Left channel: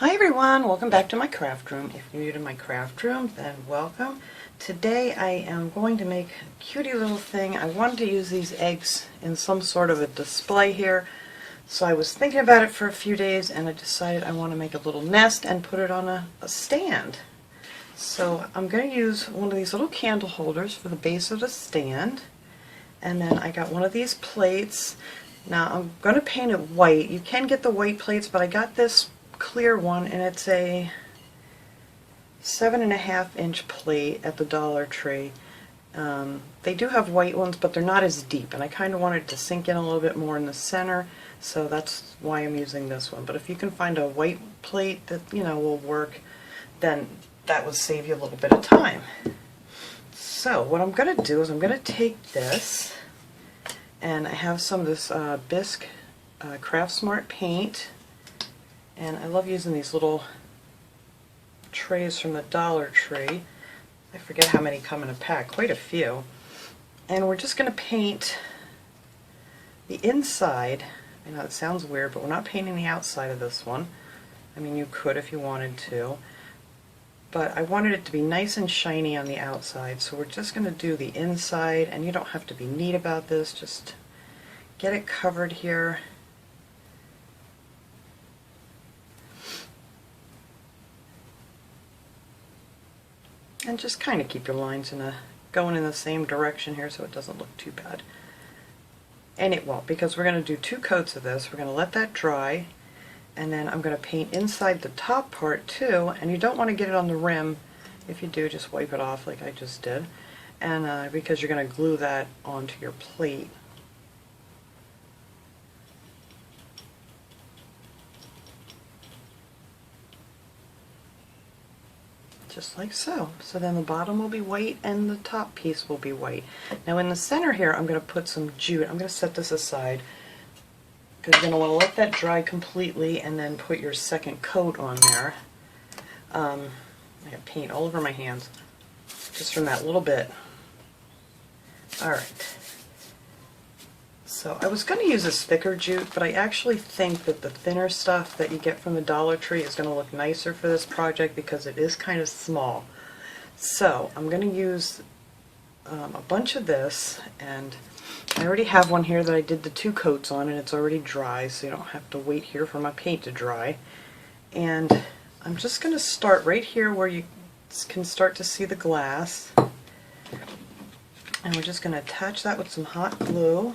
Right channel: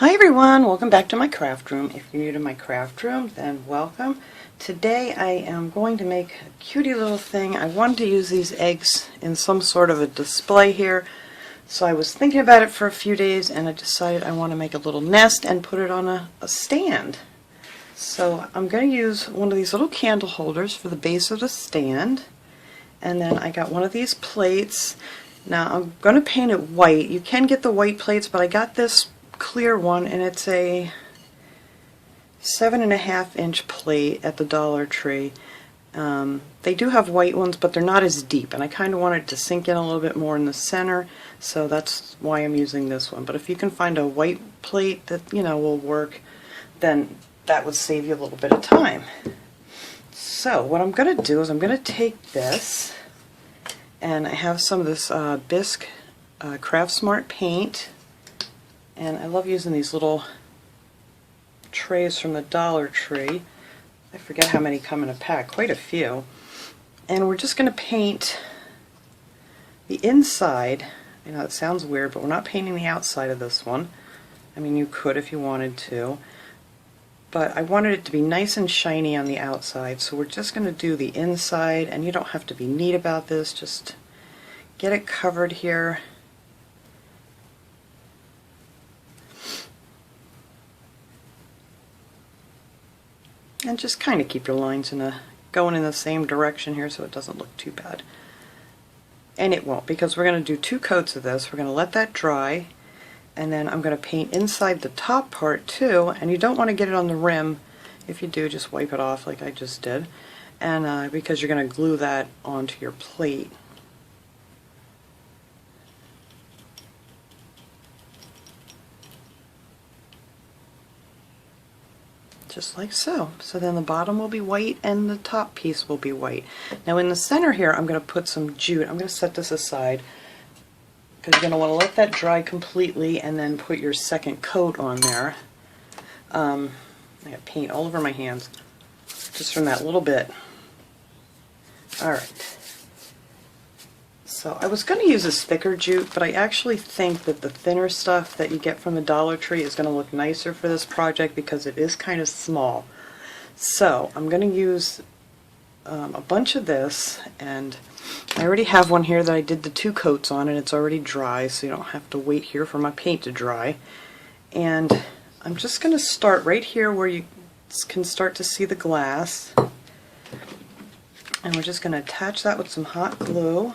Hi everyone, welcome back to my craft room. If you're new to my craft room, then welcome. Today I am going to make a cutie little thing. I wanted to use these eggs in some sort of a display here, so I was thinking about it for a few days and I decided I want to make a little nest and put it on a stand. So I'm going to use one of these little candle holders for the base of the stand, and then I got one of these plates. Now I'm going to paint it white. You can get the white plates, but I got this clear one, and it's a 7.5-inch plate at the Dollar Tree. They do have white ones, but they're not as deep, and I kind of wanted to sink in a little bit more in the center, so that's why I'm using this one. But if you can find a white plate that will work, then that would save you a little bit of time. So what I'm going to do is I'm going to take this, and I have some of this Bisque Craft Smart paint. And I love using these little trays from the Dollar Tree. I forget how many come in a pack, quite a few. And we're just going to paint the inside. I know it sounds weird, but we're not painting the outside of this one. I mean, you could if you wanted to. But I wanted it to be nice and shiny on the outside, so we're just going to do the inside, and you don't have to be neat about this, just get it covered here. And just kind of keep your lines going in the same direction here so it doesn't look too bad. And it won't, because we're going to do 2 coats of this. We're going to let that dry, and then I'm going to paint inside the top part too, and you don't want to get it on the rim. If you do, just wipe it off like I just did, and because you're going to glue that onto your plate. Just like so. So then the bottom will be white and the top piece will be white. Now in the center here I'm going to put some jute. I'm going to set this aside because you're going to want to let that dry completely and then put your second coat on there. I got paint all over my hands just from that little bit. Alright. So I was going to use this thicker jute, but I actually think that the thinner stuff that you get from the Dollar Tree is going to look nicer for this project because it is kind of small. So I'm going to use a bunch of this, and I already have one here that I did the 2 coats on, and it's already dry, so you don't have to wait here for my paint to dry. And I'm just going to start right here where you can start to see the glass, and we're just going to attach that with some hot glue.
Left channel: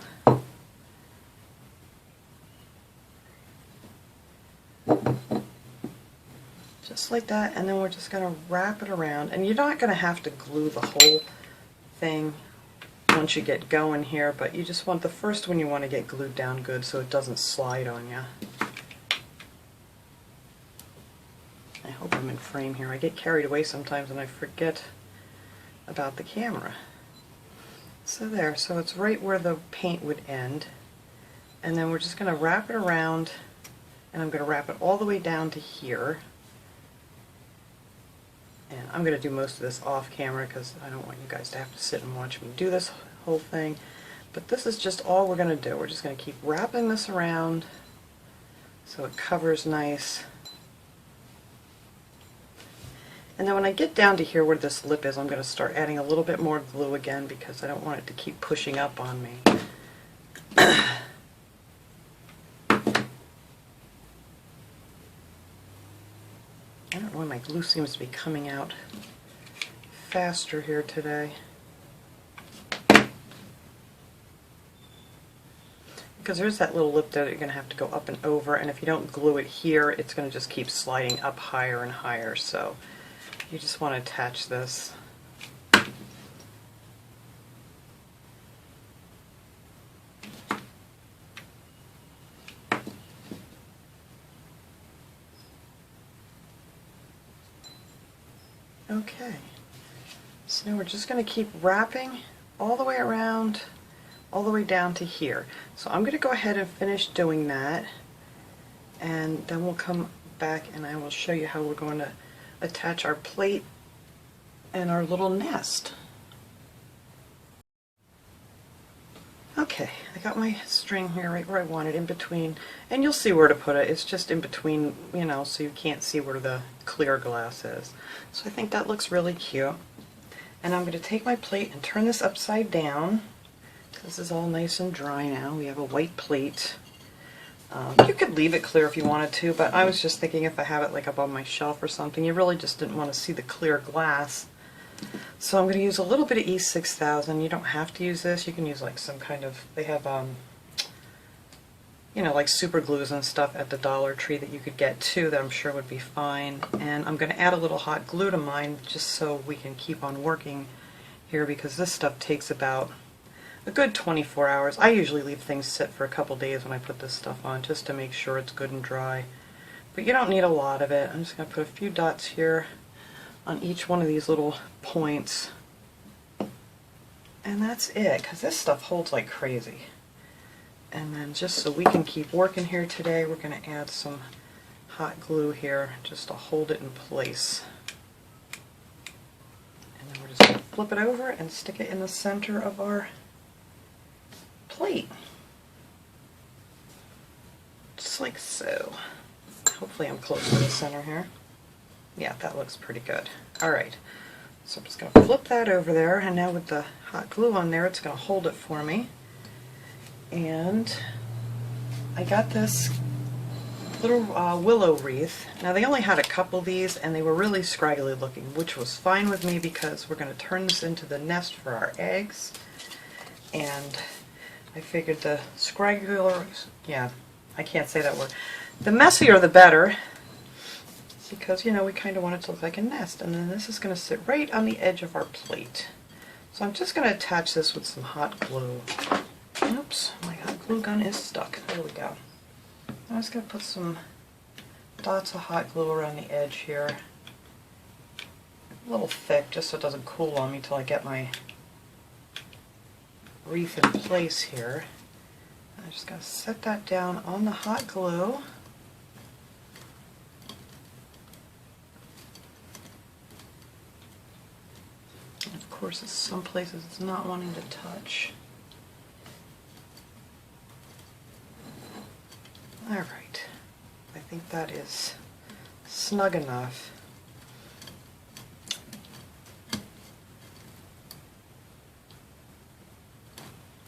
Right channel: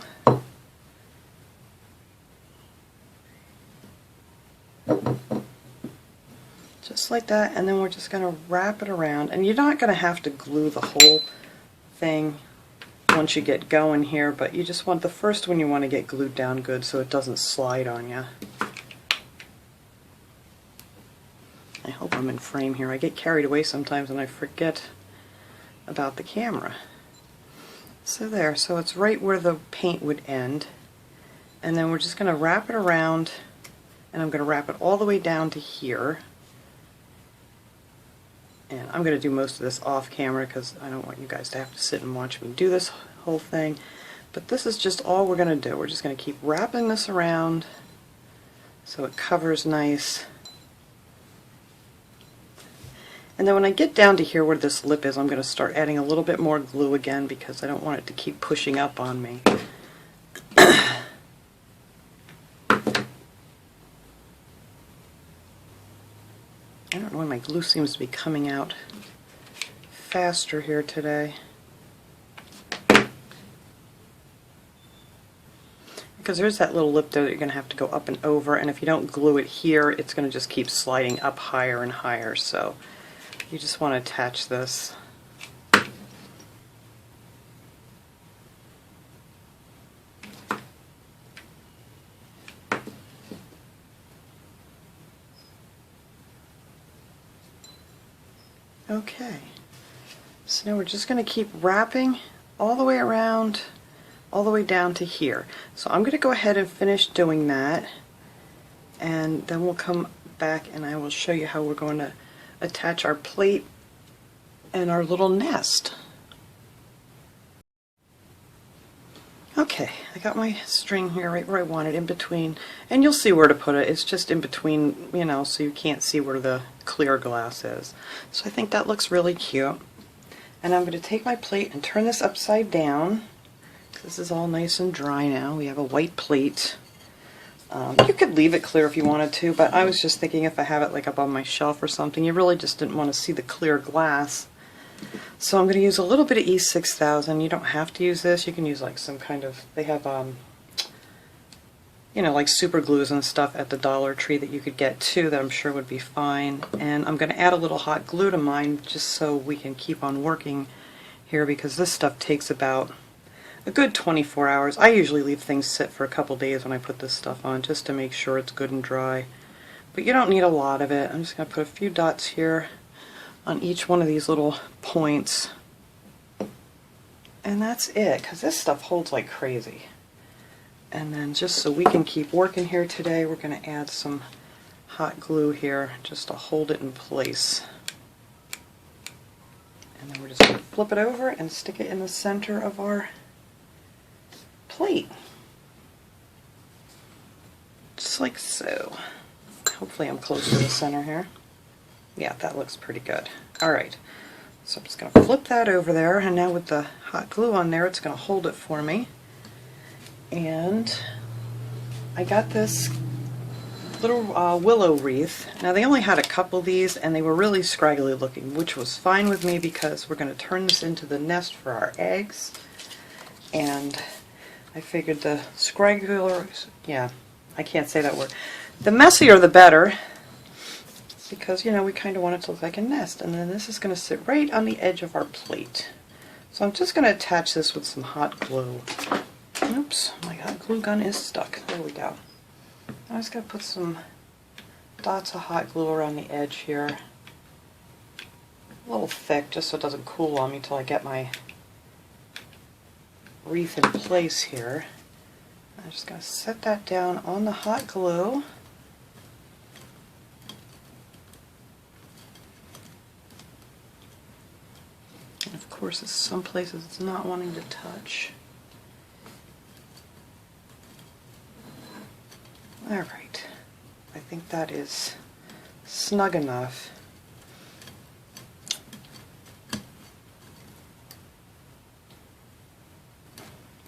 Just like that, and then we're just going to wrap it around, and you're not going to have to glue the whole thing once you get going here, but you just want the first one, you want to get glued down good so it doesn't slide on you. I hope I'm in frame here. I get carried away sometimes and I forget about the camera. So there, so it's right where the paint would end, and then we're just going to wrap it around, and I'm going to wrap it all the way down to here. And I'm going to do most of this off camera because I don't want you guys to have to sit and watch me do this whole thing. But this is just all we're going to do. We're just going to keep wrapping this around so it covers nice. And then when I get down to here where this lip is, I'm going to start adding a little bit more glue again because I don't want it to keep pushing up on me. I don't know why my glue seems to be coming out faster here today. Because there's that little lip there that you're going to have to go up and over, and if you don't glue it here, it's going to just keep sliding up higher and higher, so you just want to attach this. Okay, so now we're just going to keep wrapping all the way around, all the way down to here. So I'm going to go ahead and finish doing that, and then we'll come back and I will show you how we're going to attach our plate and our little nest. Okay, I got my string here right where I want it, in between, and you'll see where to put it. It's just in between, you know, so you can't see where the clear glass is. So I think that looks really cute. And I'm going to take my plate and turn this upside down. This is all nice and dry now. We have a white plate. You could leave it clear if you wanted to, but I was just thinking if I have it like up on my shelf or something, you really just didn't want to see the clear glass. So I'm going to use a little bit of E6000. You don't have to use this. You can use like some kind of, they have, you know, like super glues and stuff at the Dollar Tree that you could get too that I'm sure would be fine. And I'm going to add a little hot glue to mine just so we can keep on working here, because this stuff takes about a good 24 hours. I usually leave things sit for a couple days when I put this stuff on just to make sure it's good and dry. But you don't need a lot of it. I'm just going to put a few dots here on each one of these little points, and that's it, because this stuff holds like crazy. And then just so we can keep working here today, we're going to add some hot glue here just to hold it in place. And then we're just going to flip it over and stick it in the center of our plate, just like so. Hopefully I'm close to the center here. Yeah, that looks pretty good. Alright, so I'm just going to flip that over there, and now with the hot glue on there, it's going to hold it for me. And I got this little willow wreath. Now they only had a couple of these, and they were really scraggly looking, which was fine with me because we're going to turn this into the nest for our eggs. And I figured the scraggler, yeah, I can't say that word. The messier the better, because, you know, we kind of want it to look like a nest. And then this is going to sit right on the edge of our plate. So I'm just going to attach this with some hot glue. Oops, my hot glue gun is stuck. There we go. I'm just going to put some dots of hot glue around the edge here. A little thick, just so it doesn't cool on me until I get my wreath in place here. I'm just going to set that down on the hot glue. And of course, in some places it's not wanting to touch. Alright, I think that is snug enough.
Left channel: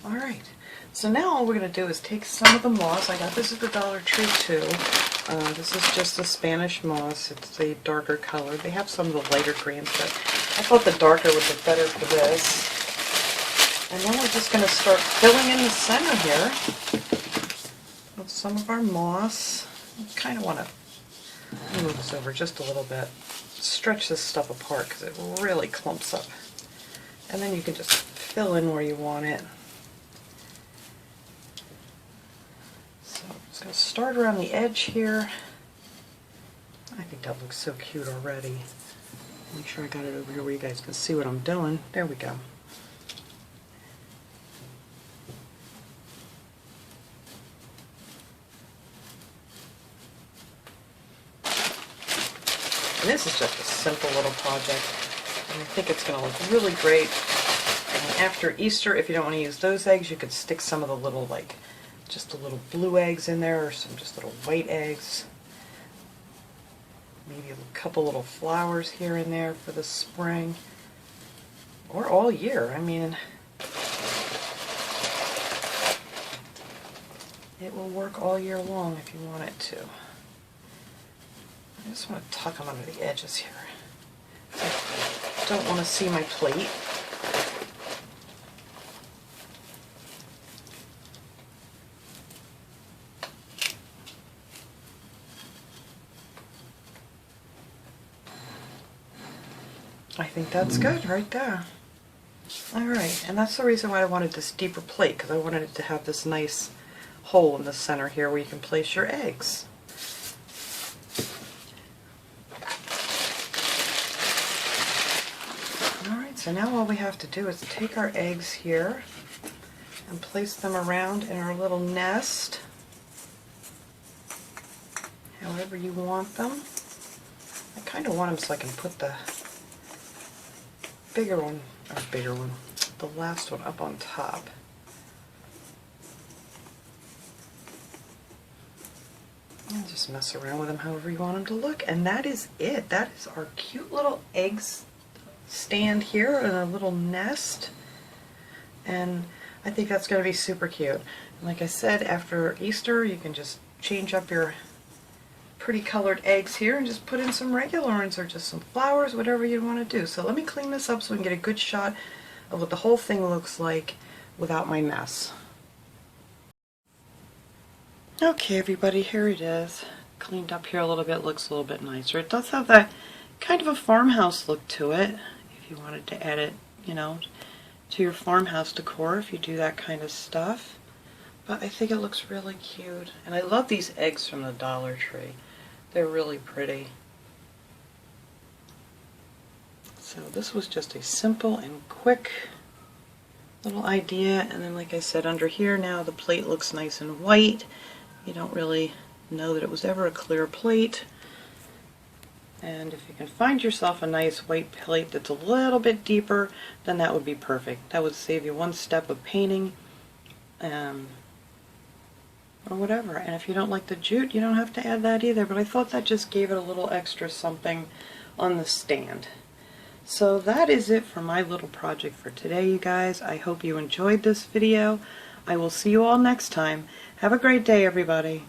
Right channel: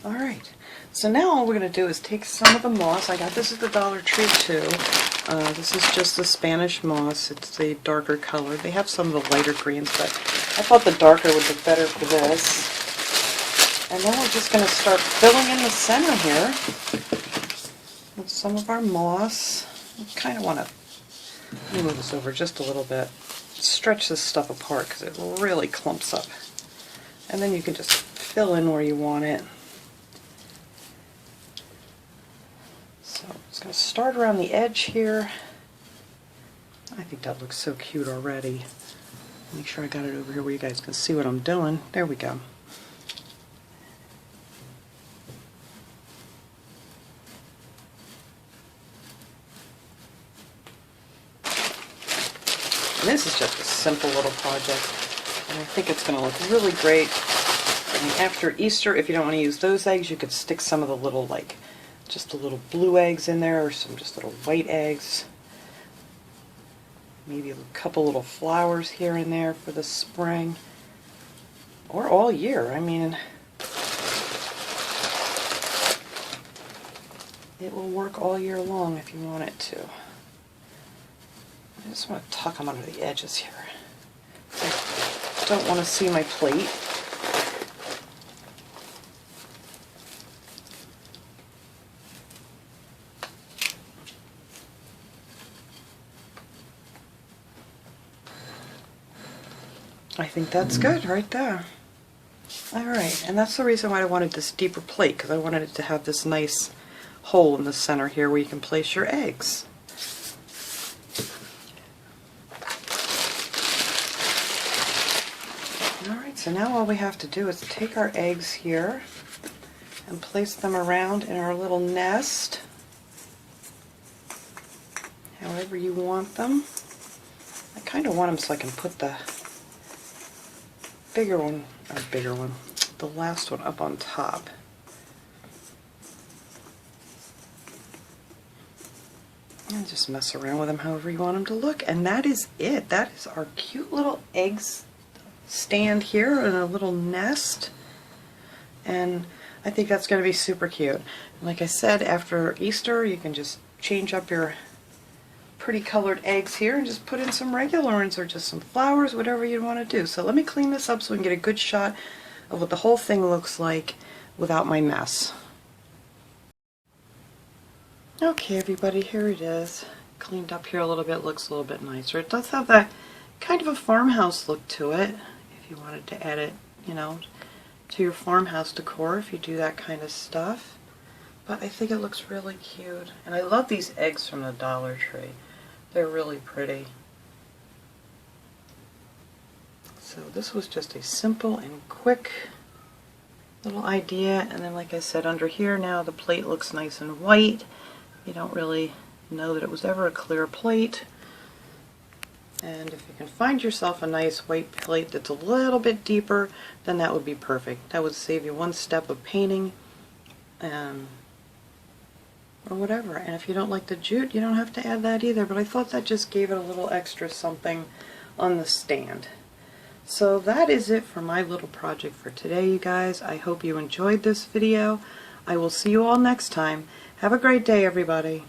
Alright, so now all we're going to do is take some of the moss. I got this at the Dollar Tree too. This is just the Spanish moss. It's a darker color. They have some of the lighter greens, but I thought the darker would be better for this. And then we're just going to start filling in the center here with some of our moss. I kind of want to move this over just a little bit. Stretch this stuff apart because it really clumps up. And then you can just fill in where you want it. So I'm just going to start around the edge here. I think that looks so cute already. Make sure I got it over here where you guys can see what I'm doing. There we go. And this is just a simple little project, and I think it's going to look really great. And after Easter, if you don't want to use those eggs, you could stick some of the little, like, just the little blue eggs in there, or some just little white eggs. Maybe a couple little flowers here and there for the spring, or all year. I mean, it will work all year long if you want it to. I just want to tuck them under the edges here. I don't want to see my plate. I think that's good right there. Alright, and that's the reason why I wanted this deeper plate, because I wanted it to have this nice hole in the center here where you can place your eggs. Alright, so now all we have to do is take our eggs here and place them around in our little nest, however you want them. I kind of want them so I can put the the last one up on top. And just mess around with them however you want them to look. And that is it. That is our cute little eggs stand here in a little nest. And I think that's going to be super cute. And like I said, after Easter, you can just change up your pretty colored eggs here and just put in some regular ones or just some flowers, whatever you want to do. So let me clean this up so we can get a good shot of what the whole thing looks like without my mess. Okay, everybody, here it is. Cleaned up here a little bit, looks a little bit nicer. It does have that kind of a farmhouse look to it, if you wanted to add it, you know, to your farmhouse decor, if you do that kind of stuff. But I think it looks really cute. And I love these eggs from the Dollar Tree. They're really pretty. So this was just a simple and quick little idea. And then like I said, under here now the plate looks nice and white. You don't really know that it was ever a clear plate. And if you can find yourself a nice white plate that's a little bit deeper, then that would be perfect. That would save you one step of painting or whatever. And if you don't like the jute, you don't have to add that either. But I thought that just gave it a little extra something on the stand. So that is it for my little project for today, you guys. I hope you enjoyed this video. I will see you all next time. Have a great day, everybody.